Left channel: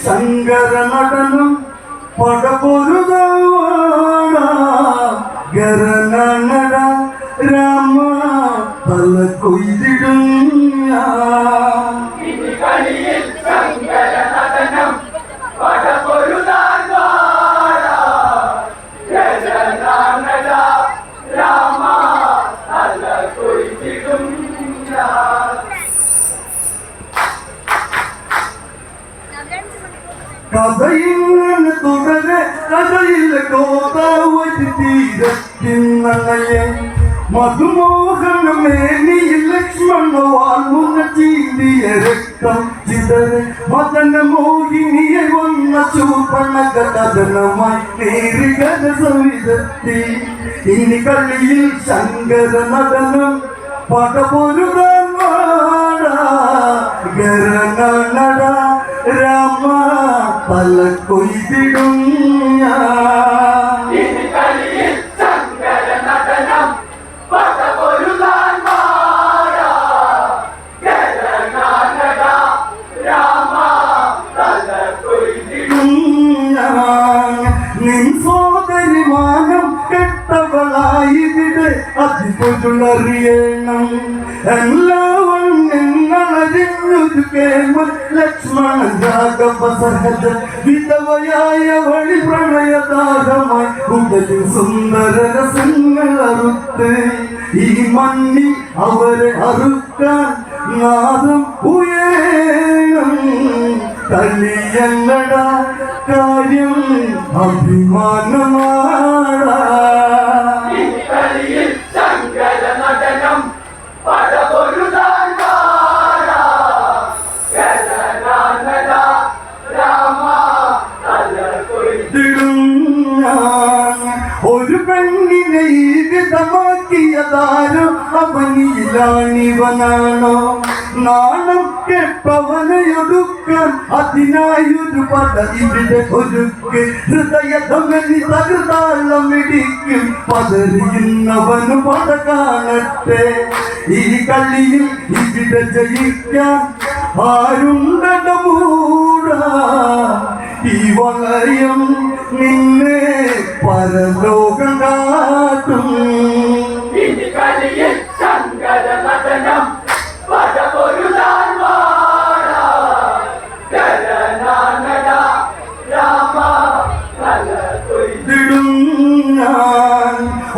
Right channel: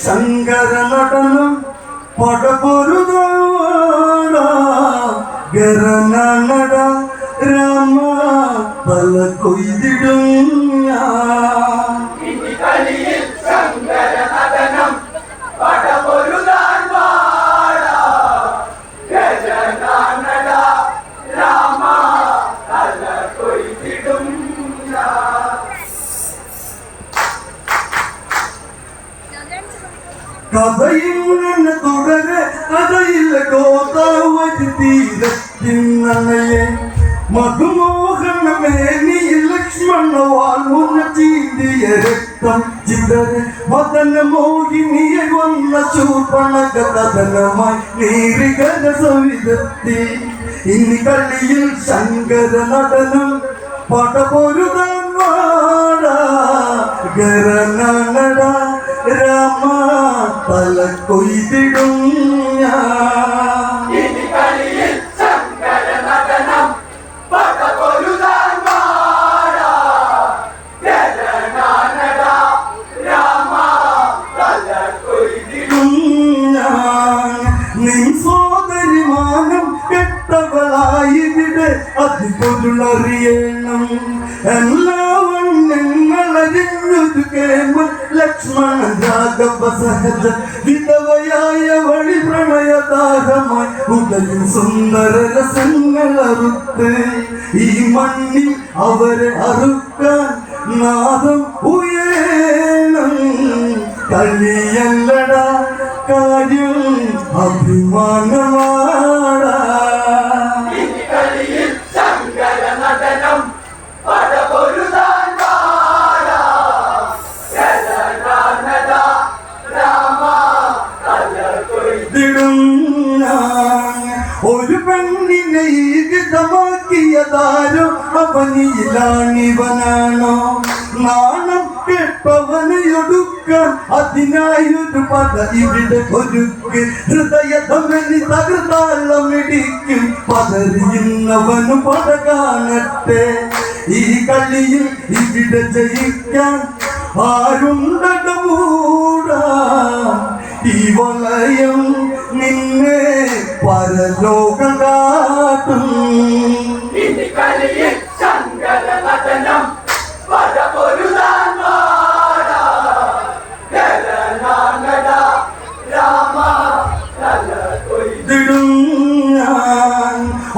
ശങ്കര നടനം പടപൊരുതാവാട ഗരനട രാമ പല കൊയ്തിടും ഞാൻ. ഗോദാവരി മധുമോഹനമേ നീ ലക്ഷ്മണ വാൾമുന്ന ചീന്തിയ രക്തം ചിതറ് മദന മോഹിനിയെ വന്ന ചൂർപ്പണക കഥനമായി നീറികര സവിധത്തി ഇനി കളിയിൽ ശങ്കര നടനം പടപൊരുതാൻ വാടാ രാമ പല കൊയ്തിടും ഞാൻ. എല്ലാവരും നിങ്ങളറിഞ്ഞൊരു കേമ ലക്ഷ്മണ രാഘവ സഹജ വിധവയായ വഴി പ്രണയദാഹമായി ഉടലിൽ സുന്ദര രസങ്ങൾ അറുത്ത്. ഈ മണ്ണിൽ അവരെ അറുക്കാൻ നാദം ഉയരണം. കളിയല്ലട കാര്യം അഭിമാനമാടാ അവനിയിലാണിവനാണോ നാണം പട പതറിയുന്നവന് പട കാണട്ടെ. ഈ കളിയിൽ ഇവിടെ ജയിക്കാൻ ആരുണ്ടട ഈ വളയം നിന്നെ പരലോകം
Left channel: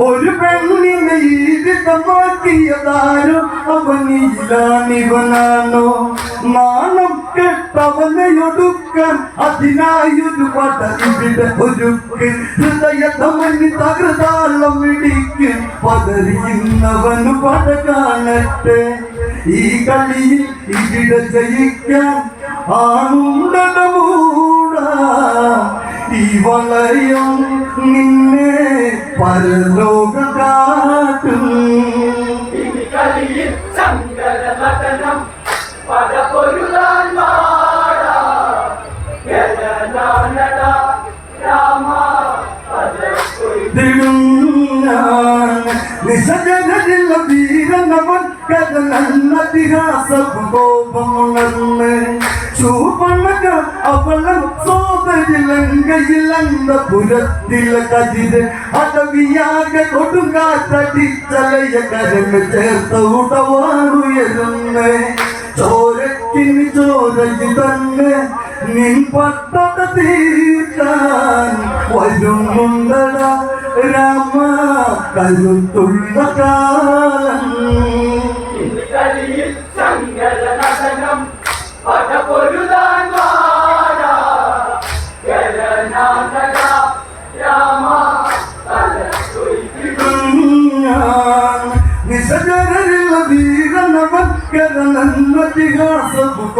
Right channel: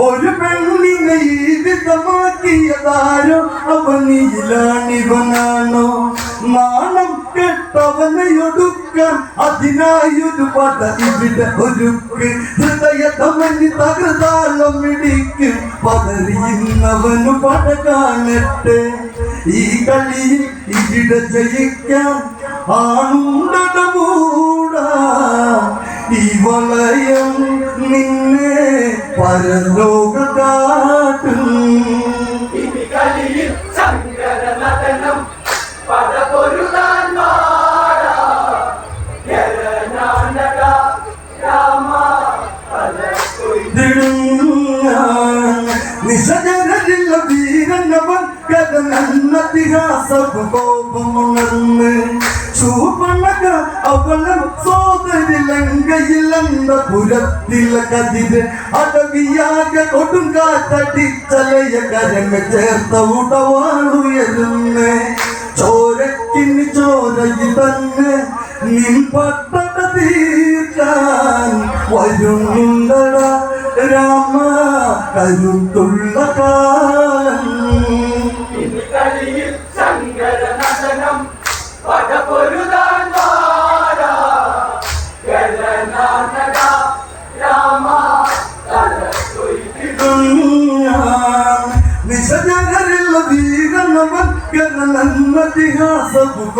ഒരു പെണ്ണിനെ ജീവിതമാക്കിയതാരോ? വിധമാക്കിയതാരോ അവനിയിലാണിവനാണോ നാണം കെട്ടവനെയൊടുക്കാൻ അതിനായൊരു പട ഇവിടെ ഒരുക്ക്. ഹൃദയധമനി തകൃതാളം ഇടിക്ക്. പതറിയുന്നവന് പട കാണട്ടെ. ഈ കളിയിൽ ഇവിടെ ജയിക്കാൻ ആണുണ്ടട മൂടാ. ഈ വളയം നിന്നെ പരലോക കാട്ടും. ദിടും ഞാൻ നിശജനരില്ല വീരനവൻ കഥനന്നതിഹാസ കോപമുണർന്ന് ചൂപ്പണക അവളം സോദരി ലങ്കയിലെന്ന പുരത്തിലെ കതിര് അടവിയാകെ കൊടുങ്കാറ്റടിച്ചലയ കരമ ചേർത്ത ഉടവാളുയരുന്നേ ചോരക്കിന് ചോരയിൽ തന്നെ നിൻ പട്ടത തീർക്കാൻ വരുന്നുണ്ടട രാമ. കരുത്തുള്ള കാലം.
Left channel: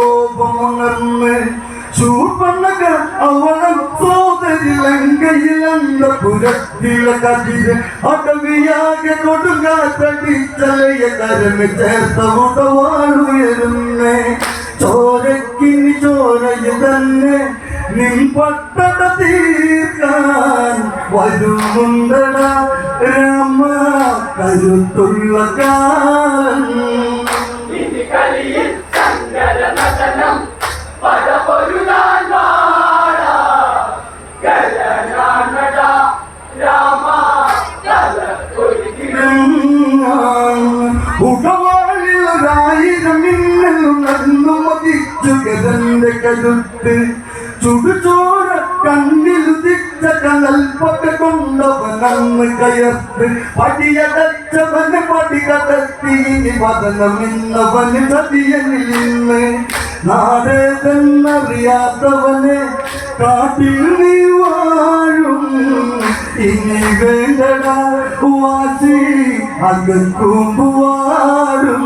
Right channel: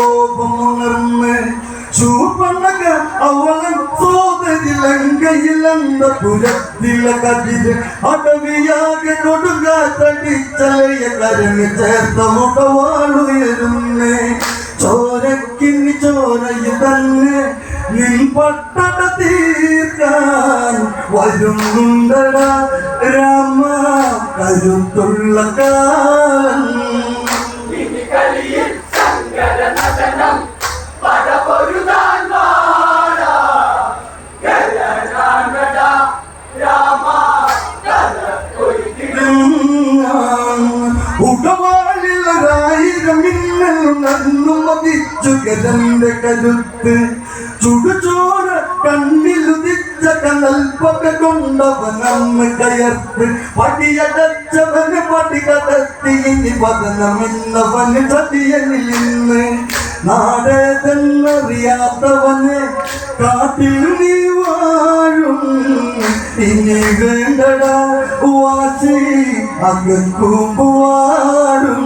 കോപമുണർന്ന് ചൂപ്പണ്ണക അവളം സോദരി ലങ്കയിലെന്ന പുരത്തിലെ കതിര് അടവിയാകെ കൊടുങ്കാത്തടിച്ചലയ കരമ ചേർത്ത ഉടവാളുയരുന്നേ ചോരക്കിനി ചോരയു തന്നെ നിൻ പട്ടട തീർക്കാൻ വരുന്നുണ്ടട രാമ. കരുത്തുള്ള കാലം ഗരണം പടപൊരുതാൻ വാട ഗരണ രാമ ഉടവാളിലൊരായിരം മിന്നലും നന്നു മതിച്ചു ഗതന്റെ കരുത്ത്. ചുടുചോര കണ്ണിലുദിച്ച കനൽപ്പൊക്കെ കൊണ്ടവനന്ന് കയർത്ത്. പടിയടച്ചവന് പടി കടത്തി ഇനി പതനമിന്നവന് ചതിയനിൽ നിന്ന്. നാടേതെന്നറിയാത്തവനെ കാട്ടിൽ നീ വാഴും. ഇനി വേണ്ടടാ വാസി അകക്കും വാടും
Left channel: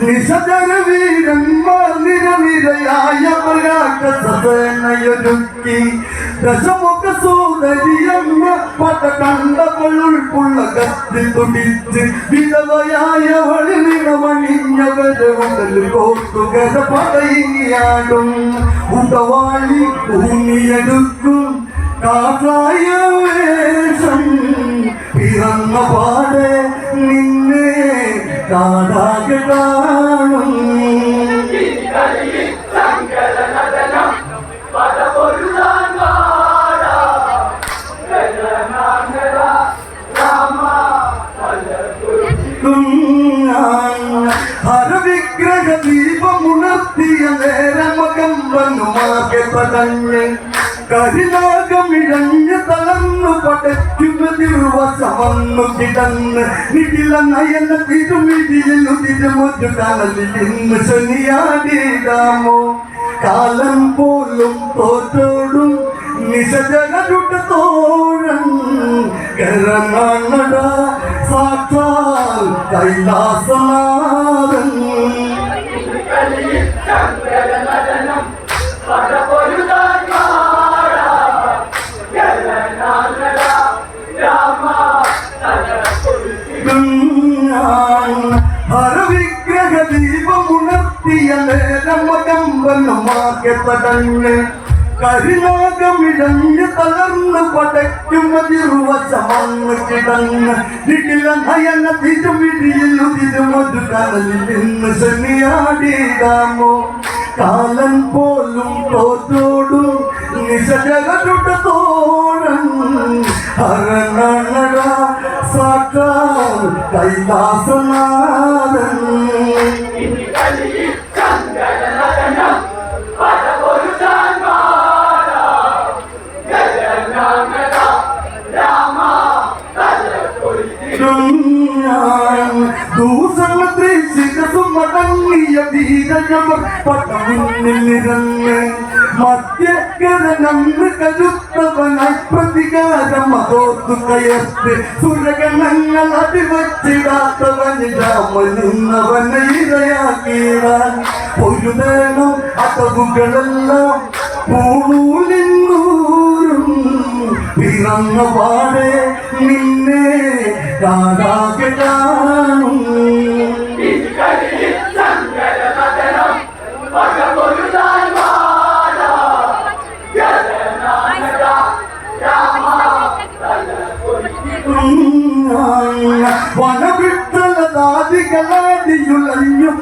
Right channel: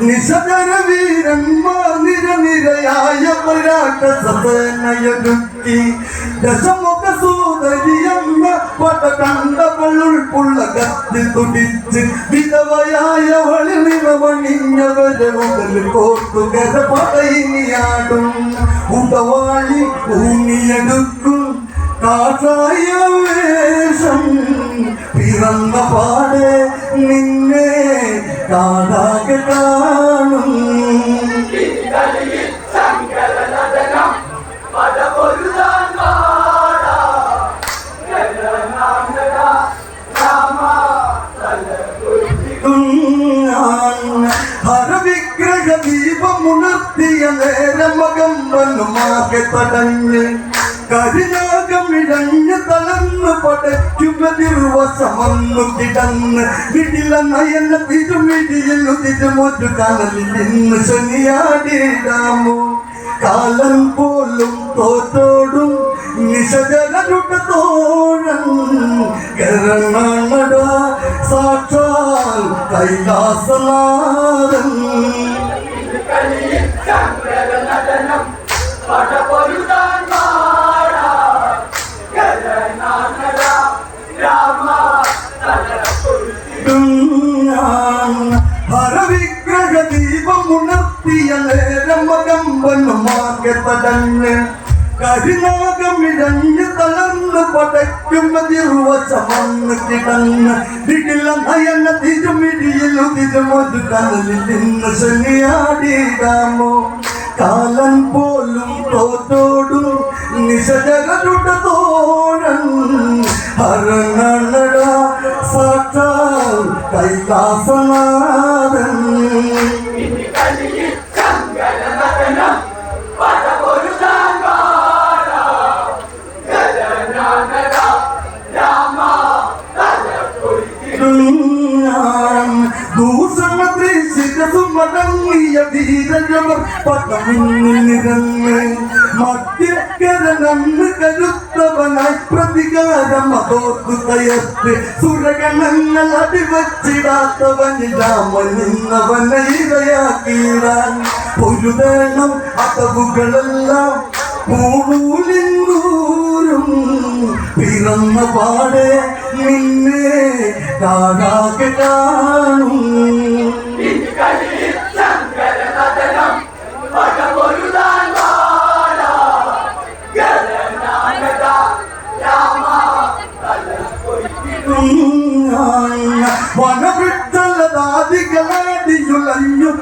നിശതര വീരന്മാർ നിരനിരയായ പരാട്ട സദനയൊരുക്കി ദശമുഖ സോദരിയമ്മ പട കണ്ടവളുൾക്കുള്ള കത്തിൽ തുടിച്ച് വിധവയായവളിൽ നിണമണിഞ്ഞവരെ ഉടൽ കോർത്തുകര പടയിനിയാടും ഉടവാളി ഊന്നിയെടുക്കും. കാസായ വേഷം പിറന്ന പാടെ നിന്നെ കാടാകെ കാണും. ഹരവിഗ്രഹ ദീപമുണർത്തിയ നേരമകം വന്നുമാകെ തടഞ്ഞ് കരിനാഗമിഴഞ്ഞ് തളർന്നു പടയ്ക്കുമതിർവശമന്നു കിടന്ന് ഇടില നയന തിരുമിടിയിൽ ഉതിരുമൊരു കനലിൽ ഇന്ന് ശനിയാടിടാമോ? കാലം പോലും തോറ്റോടും നിശജനരുടെ തോഴൻ കരണട സാക്ഷാൽ കൈലാസനാഥൻ നേരം മകമ്പനുമാകെ തടഞ്ഞ് കരിനാഗമിഴഞ്ഞ് തളർന്ന് പടയ്ക്കുമതിർവശമന്ന് കിടന്ന് ദിടില നയന തിരുമിടിയിൽ ഉതിരുമൊരു കനലിൽ നിന്ന് ശനിയാടിയിടാമോ കാലൻ പോലും തോറ്റോടും നിശജകളുടെ തോഴൻ ഹരണട സാക്ഷാൽ കൈലാസനാഥൻ. പട്ടമുന്നിൽ നിരന്ന് മധ്യകരനന്ന് കരുത്തവനായി പ്രതികാരം അതോർത്തു കയർത്ത് സുരഗണങ്ങൾ അടിവച്ചിടാത്തവന് രാമൻ നിന്നവനെ ഇരയാക്കിയിടാൻ ഒരു തരണം അടവുകളെല്ലാം പൂണൂലിന്നൂരും പിറന്ന പാടെ നിന്നെ കാണാകെ കാണും.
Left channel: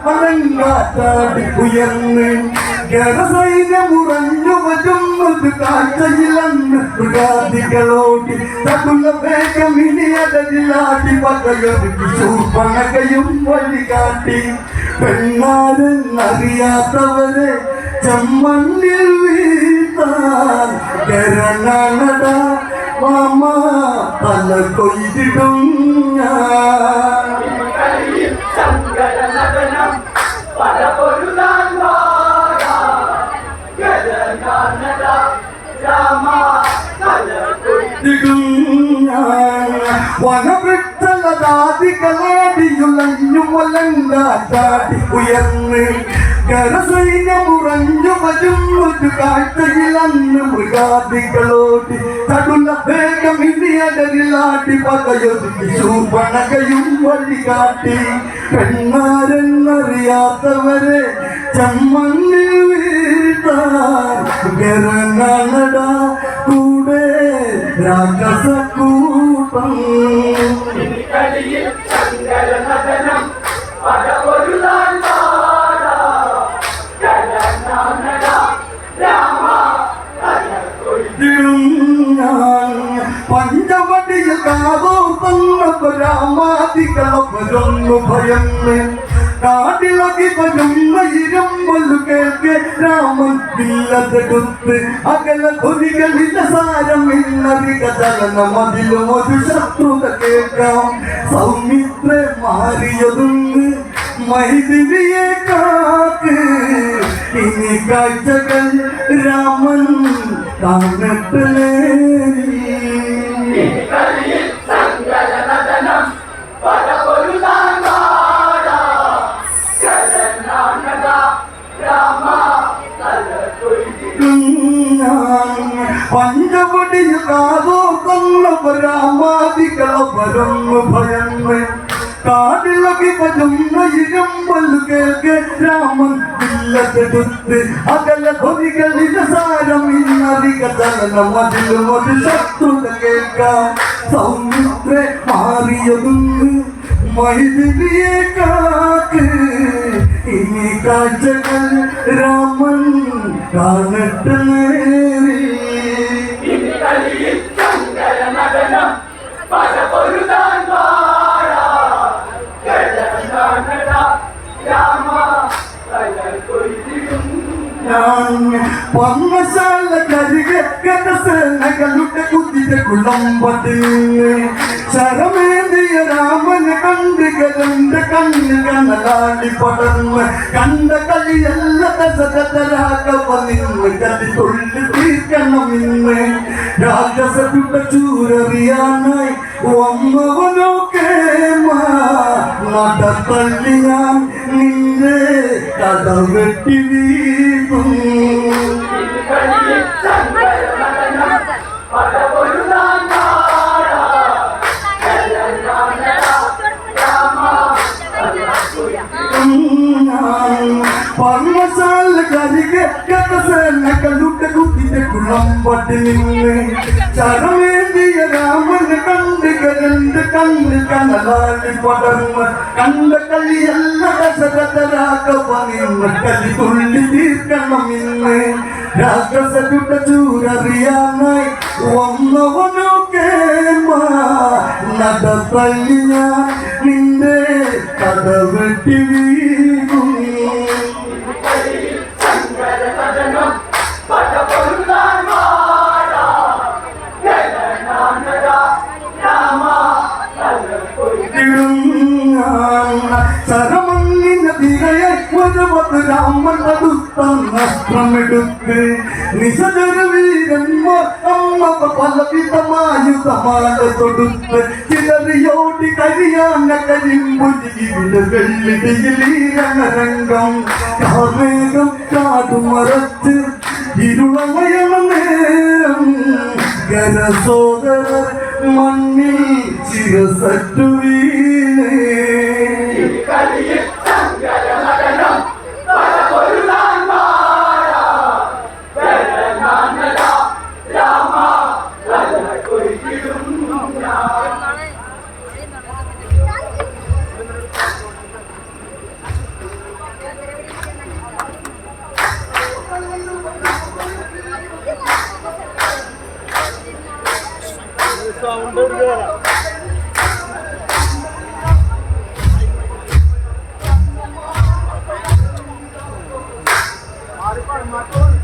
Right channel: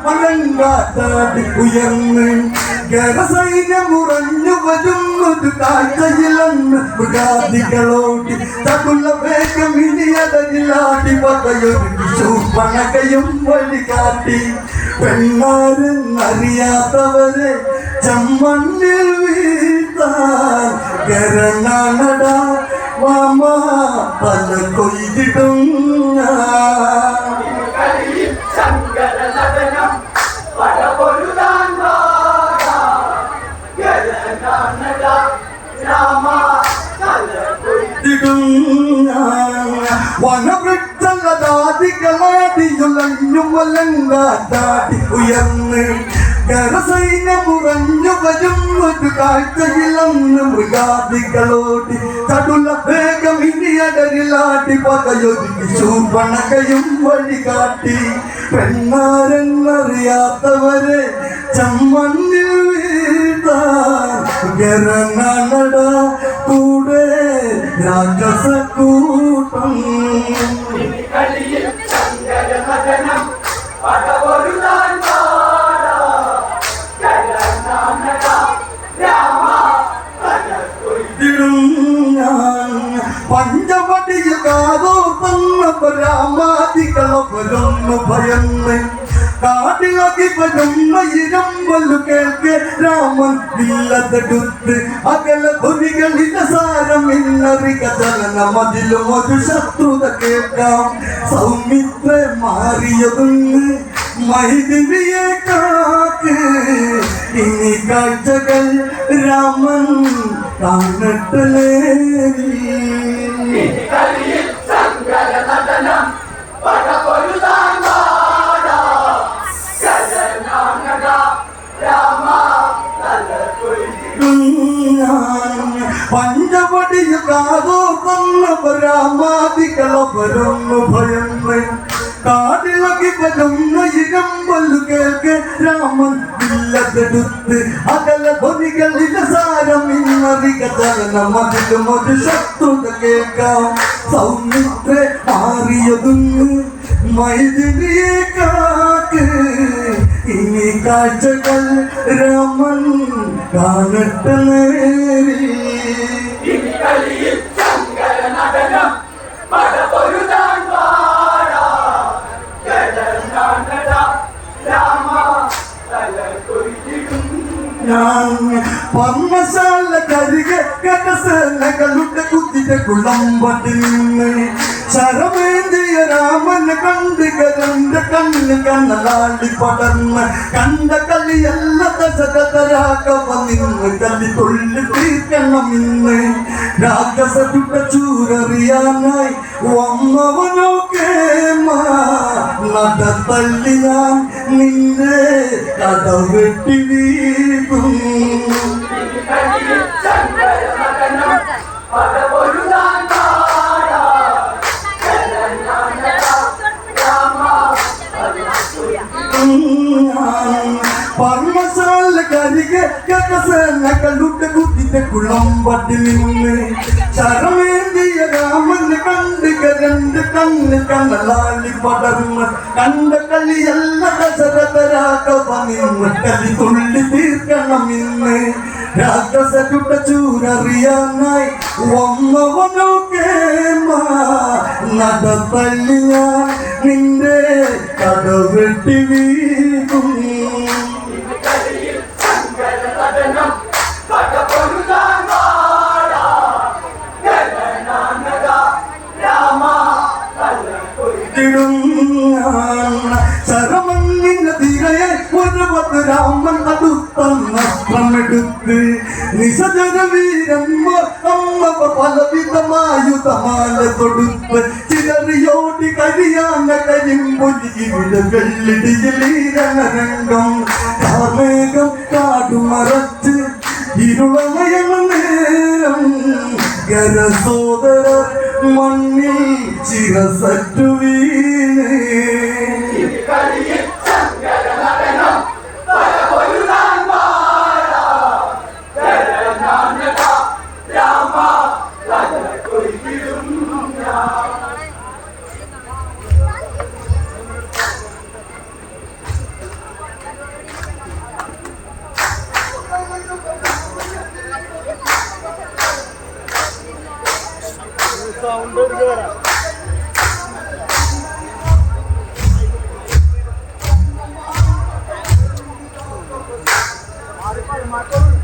പനങ്കാറ്റാടി ഉയർന്ന്. ഗരസൈന്യമുറഞ്ഞു വരുന്നൊരു കാഴ്ചയിലന്ന് മൃഗാദികളോടി. തടുള്ള വേഗം ഇനി അടരിലാടി പകയൊരുക്കി ശൂർപ്പണകയും വഴി കാട്ടി പെണ്ണാരെന്നറിയാത്തവരെ ചമ്മണ്ണിൽ വീഴ്ത്താൻ കരണാണട മാമ പല കൊയ്തിടും ഞാൻ. വനവൃക്ഷലതാദികളടിയുലഞ്ഞു വലങ്കാറ്റാടി ഉയർന്ന് കരസൈന്യമുറഞ്ഞു ഒരു കാഴ്ചയിലന്ന് മൃഗാദികളോടി. ചടുല വേഗം ഇനി അടരിലാടി പകയൊരുക്കി ശൂർപ്പണകയും വഴി കാട്ടി പെണ്ണാരെന്നറിയാത്തവരെ ചമ്മണ്ണിൽ വീഴ്ത്താൻ ഗരണനട കൂടെ രാക്ഷസക്കൂട്ടം കളിയിൽ ഭയന്ന് കാടിളകി വരുന്ന ഇരമ്പലു കേൾക്ക് രാമൻ വില്ലതെടുത്ത് അകല ധ്വനികളിലെ സാരം ഇന്നറിക ജനനം അതിലും ഒരു ശത്രുത കേൾക്കാം സൗമിത്ര മാറിയതുണ്ട് മൈതിരിയെ കാക്ക് ഇനി കാഴ്ചകൾ രാമൻ കാണട്ടലേ കാടിളകി വരുന്ന ഇരമ്പല്ലു കേൾക്ക് രാമൻ കാക്ക്. ഇനി കാഴ്ചകൾ രാമൻ കാണട്ടെ പർമ്മശാല കരികെ കടസലകളുടെ കുതിരെ കുളമ്പടി കരണ്ട് കണ്ണ് കണ്ണലാടി പടർന്ന് കണ്ട കളിയല്ല ദശരഥരാഘവ നിന്ന് കലി തൊള്ളി തീർക്കണം ഇന്ന്. രാജസരുടെ ചൂരറിയാനായി വന്നവനോ നട തള്ളി ഞാൻ നിന്റെ കടവെട്ടി വീഴും. പർമ്മശാല കരികെ കടസേനകളുടെ കുതിരെ കുളമ്പട്ടി നിന്ന് ശരമേന്തിയ രാമനെ കണ്ട് കരണ്ട് കണ്ണ് കണലാളി പടർന്ന് കണ്ട കളിയല്ല ദശരഥരാഘവ നിന്ന് കലി തുള്ളി തീർക്കണം ഇന്ന്. രാക്ഷസരുടെ ചൂരറിയാനായി വന്നവനൊക്കെ ഞാൻ നിന്റെ കടവെട്ടി വീഴും. അടുത്തന്നെടുത്ത് നിശജര വീരന്മാർ അമ്മ പലവിധമായുധമാല തൊടുത്ത് ചിലറിയോടി കരിയാന കരിമ്പുലി വെള്ളിടിയിലീരണരംഗം കാർമേഘം കാടുമറച്ച് ഇരുളമയണ നേരം ഗരസോദരർ മണ്ണിൽ ചിരസറ്റു വീണേ. ഇനി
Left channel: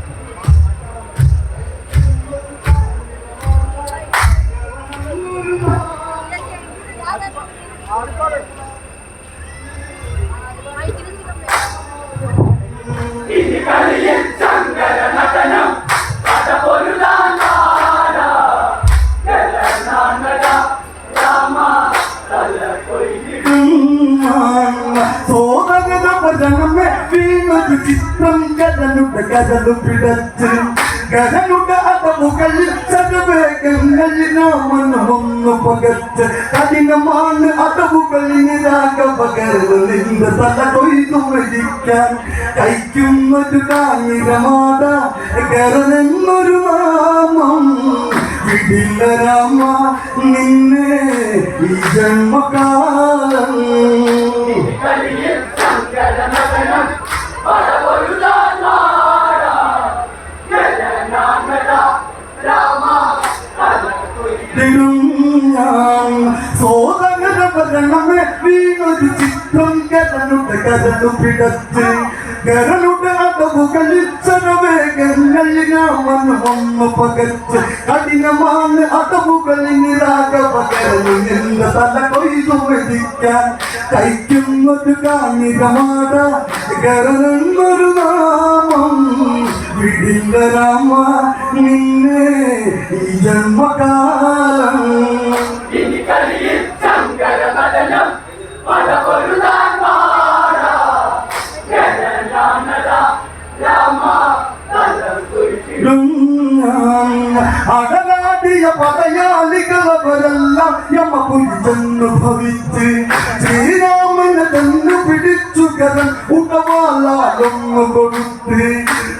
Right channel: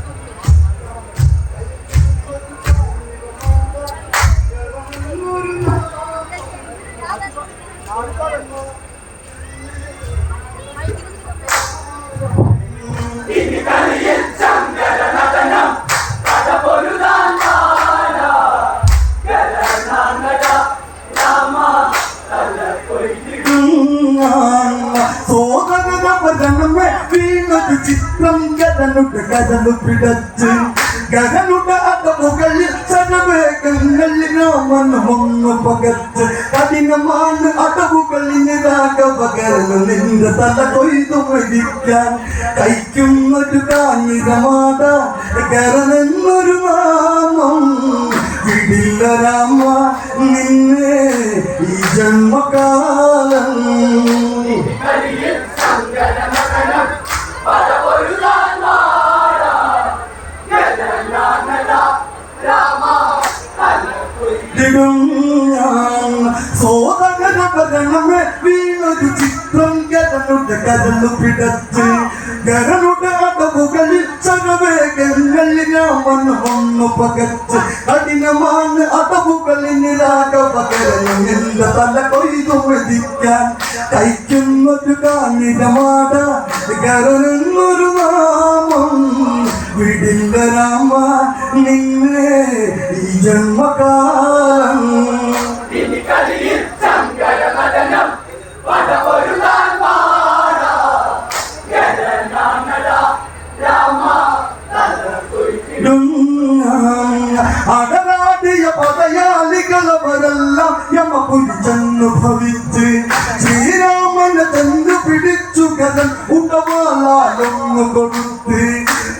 ശരവേഗങ്ങളിൽ പകർച്ച കഠിനമാണ് അടവുകളിന് രാഘവകരന് നിന്റെ തല കൊയ്തു മരിക്കാൻ കൈക്കുന്നൊരു കാഞ്ഞിരമാട കരനെന്നൊരു നാമം വിടില്ല രാമ നിന്നെ ഈ ജന്മകാലം. ഞാൻ പകരണമേ വീണൊരു ചിത്രം കരനുട്ട് കരന്നു പിടച്ച്. കരനുട്ട് അടവുകളിൽ ശരവേഗങ്ങളിൽ രാമന് വന്നു പകച്ച്. കഠിനമാണ് അടവുകളിന് രാഘവകരന് നിന്റെ തല കൊയ്തു മെതിക്കാൻ. കൈക്കുന്നൊരു കാഞ്ഞിരമാട കരനെന്നൊരു നാമം. വിടില്ല രാമ നിന്നെ ഈ ജന്മകാലം. ഇനി കളിയിൽ ശങ്കര നടനം പടപൊരുതാൻ വാടാ ഗജനാനട രാമ കൊയ്തിടും അടരാടിയ പടയാളികളവരെല്ലാം യമ പുരിച്ചെന്നു ഭവിച്ച് ശ്രീരാമനെ തന്നു പിടിച്ചു കഥൻ ഉടവാളാലൊന്നു കൊടുത്ത്.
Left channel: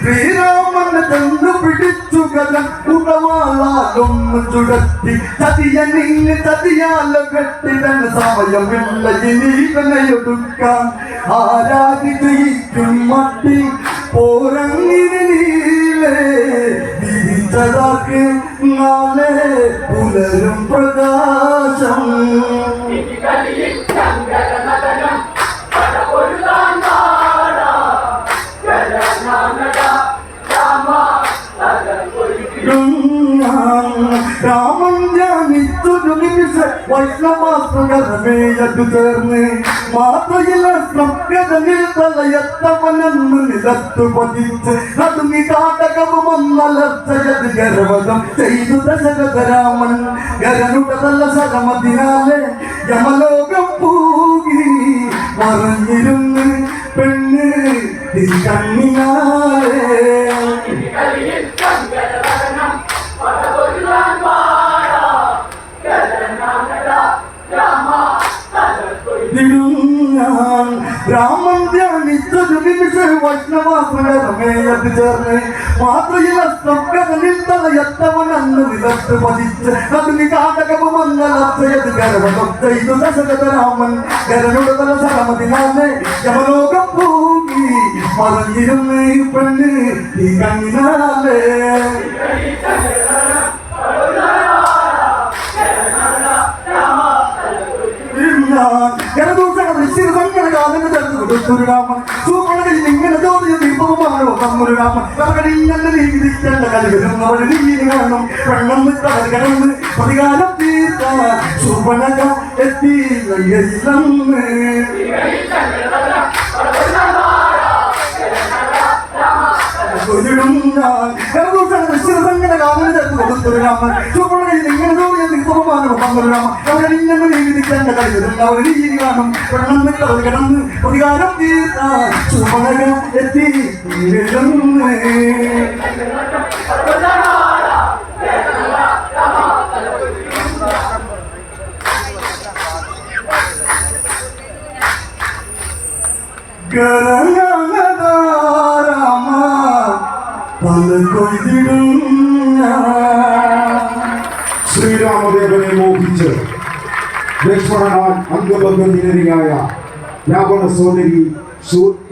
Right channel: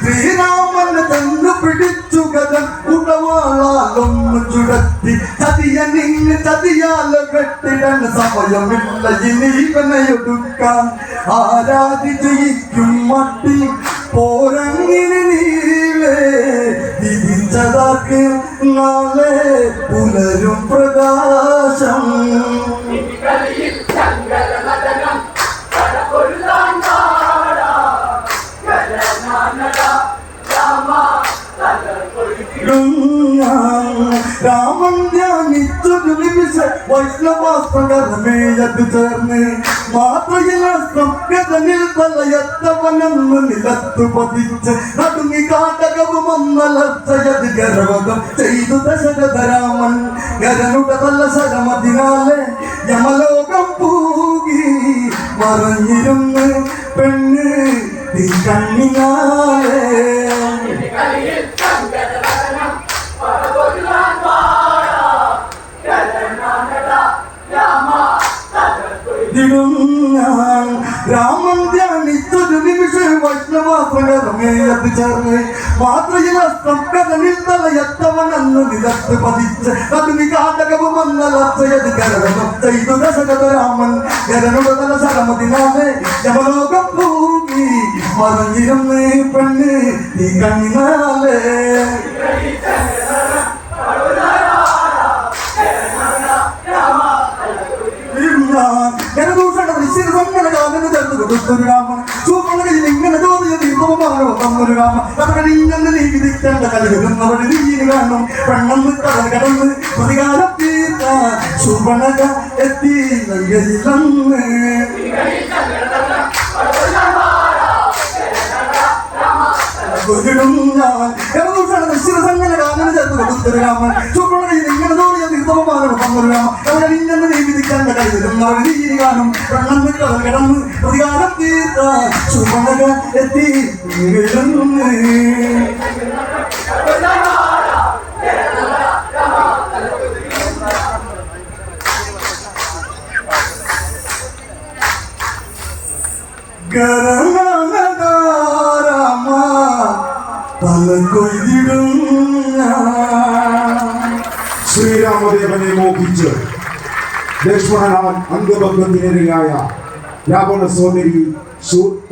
ശ്രീരാമനെ തന്നു പിടിച്ചു കഥൻ ഉടവാളാലൊന്നു ചുടത്തി. ചതിയ നിന്നെ ചതിയാല കെട്ടിടൻ സമയമില്ല. ഇനി ഇവനെയൊടുക്കാൻ ആരാധി ജയിക്കും മട്ടി. പോരങ്ങിന് നീളേ തിരിച്ചതാക്ക് നാളെ പുലരും പ്രകാശം. ഇനി രാമൻ ധ്യാനിച്ചൊരു നിമിഷ വൈഷ്ണവാസ്ത്രകരമേയതു ചേർന്ന് മാത്രയിലസ്ത്രം ഗതനിൽ തലയത്തവനെന്ന് നിലത്തു പതിച്ച് നടുങ്ങി കാട്ടകവും ഒന്നലർച്ചയത് ഗർവതം ചെയ്തു ദശരഥരാമൻ ഗരനുടെ തല ശരമതിനാലെ യമലോകം പൂകി മറഞ്ഞിരുന്ന് പെണ്ണ് കണ്ണിനാലേ രാമൻ ധ്യാനിച്ചൊരു നിമിഷ വൈഷ്ണവാസ്ത്രകരമേയത് ചേർന്ന് മാത്രയിൽ അസ്ത്രകഥനിൽ തലയത്തവനെന്ന് നിലത്ത് പതിച്ച് അതിന് കാട്ടകവും അന്നലർച്ചയത് കരവനം ചെയ്തു ദശരഥരാമൻ കരനുടെ തല ശരമതിനാലെ യമലോകം പൂകി മറഞ്ഞിരുന്ന് പെണ്ണ് ഈ കണ്ണിനാലേ ചേർത്ത് കൊടുത്തൊരു രാമൻ സൂപ്പണകയിൽ ഇങ്ങനെ തോന്നിയ ദീപമാണ് പറഞ്ഞു രാമൻ കഥകളി ഇങ്ങനെ നീതിക്കേണ്ട കലി വരുന്ന വഴി നീതി വേണം പെണ്ണെന്ന് കടൽ കടന്ന് പ്രതികാരം തീർക്കാൻ സുപണക എത്തി നയ്യയില്ലെന്ന് പ്രതികാരം എത്തി നയ്യയില്ലെന്ന് പല കൊയ്തിടും ശ്രീരാമദേവനെ മോഹിച്ച് ലക്ഷ്മണനാൽ അംഗഭംഗം നിരയായ രാവണ സോദരി ശൂർപ്പ